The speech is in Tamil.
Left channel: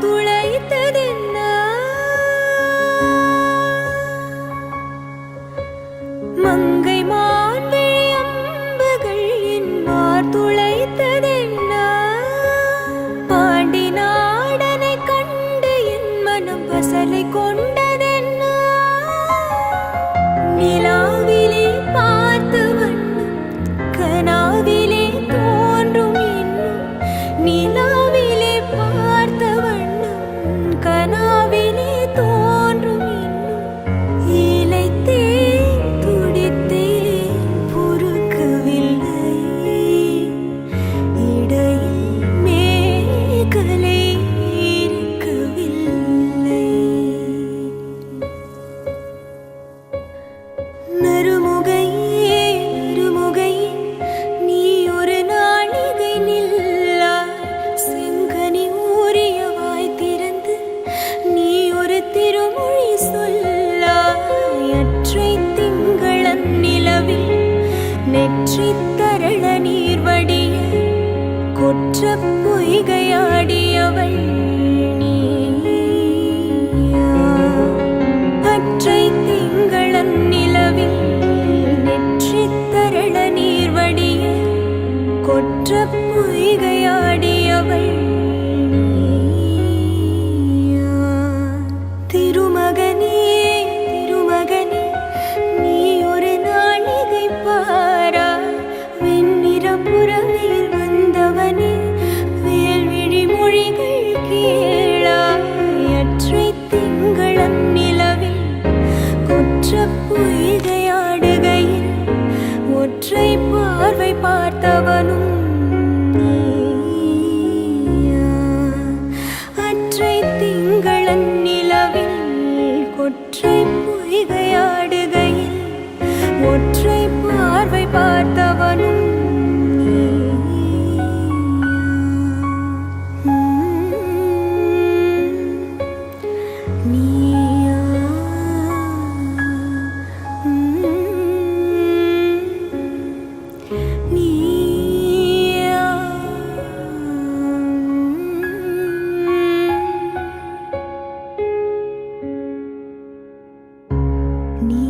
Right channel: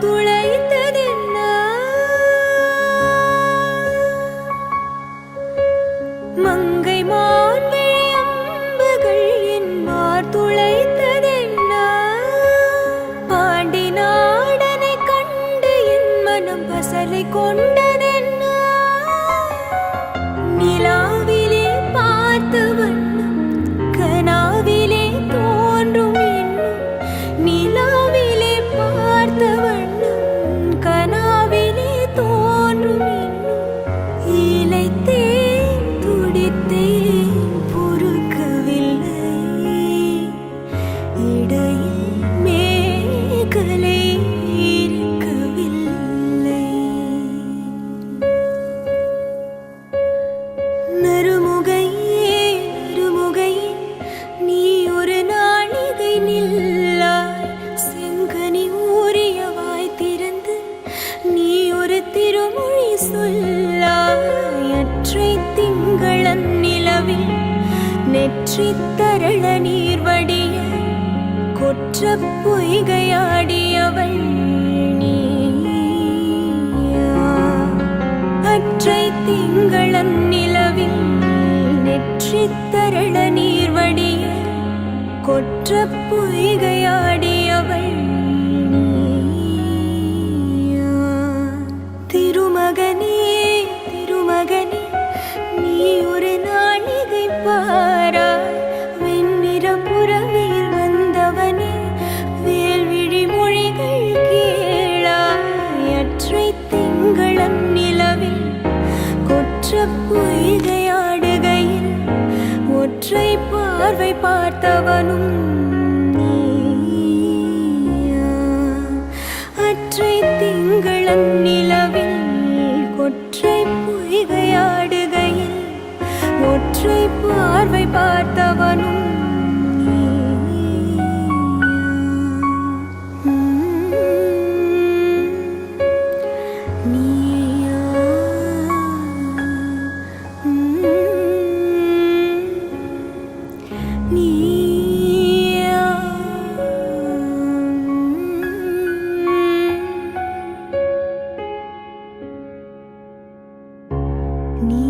துளைத்ததென்ன மங்கை மான்விழி அம்புகள் என் மார் துளைத்ததென்ன பாண்டி நாடனை கண்டு என் மனம் பசலை கொண்டதென்ன நிலாவிலே பார்த்து வண்ணம் கனாவிலே தோன்றும் இன்னும் நிலாவிலே பார்த்த வண்ணம் கனாவிலே தோன்றும் இன்னும் இளைத்தேன் துடித்தேன் பொறுக்கவில்லை இடையில் மேகலை இருக்கவில்லை நறுமுகையே நறுமுகையே நீ ஒரு நாளிகை நில்லாய் செங்கனி ஊறியவாய் திறந்து நீ ஒரு திருமொழி சொல்லாய் அற்றை திங்களன் நிலவில் நெற்றி தரள நீர் வடிய கொற்ற பொய்கையாடியவள் நீயா அற்றை திங்களன் நிலவில் நெற்றி தரள நீர் வடிய கொற்ற பொய்கையாடியவள் நீயா திருமகனே திருமகனே நீ ஒரு நாளிகை பாராய் வெண்ணிற புறவையில் வந்தவனே வேல்விழி மொழிகள் கேளாய் அற்றை திங்களன் நிலவில் கொற்ற பொய்கையாடுகையில் ஒற்றை பார்வை பார்த்தவனும் நீயா அற்றை திங்களன் நிலவில் கொற்றை பொய்கையாடுகையில் ஒற்றை பார்வை பார்த்தவனும் நீயா நீயா நீ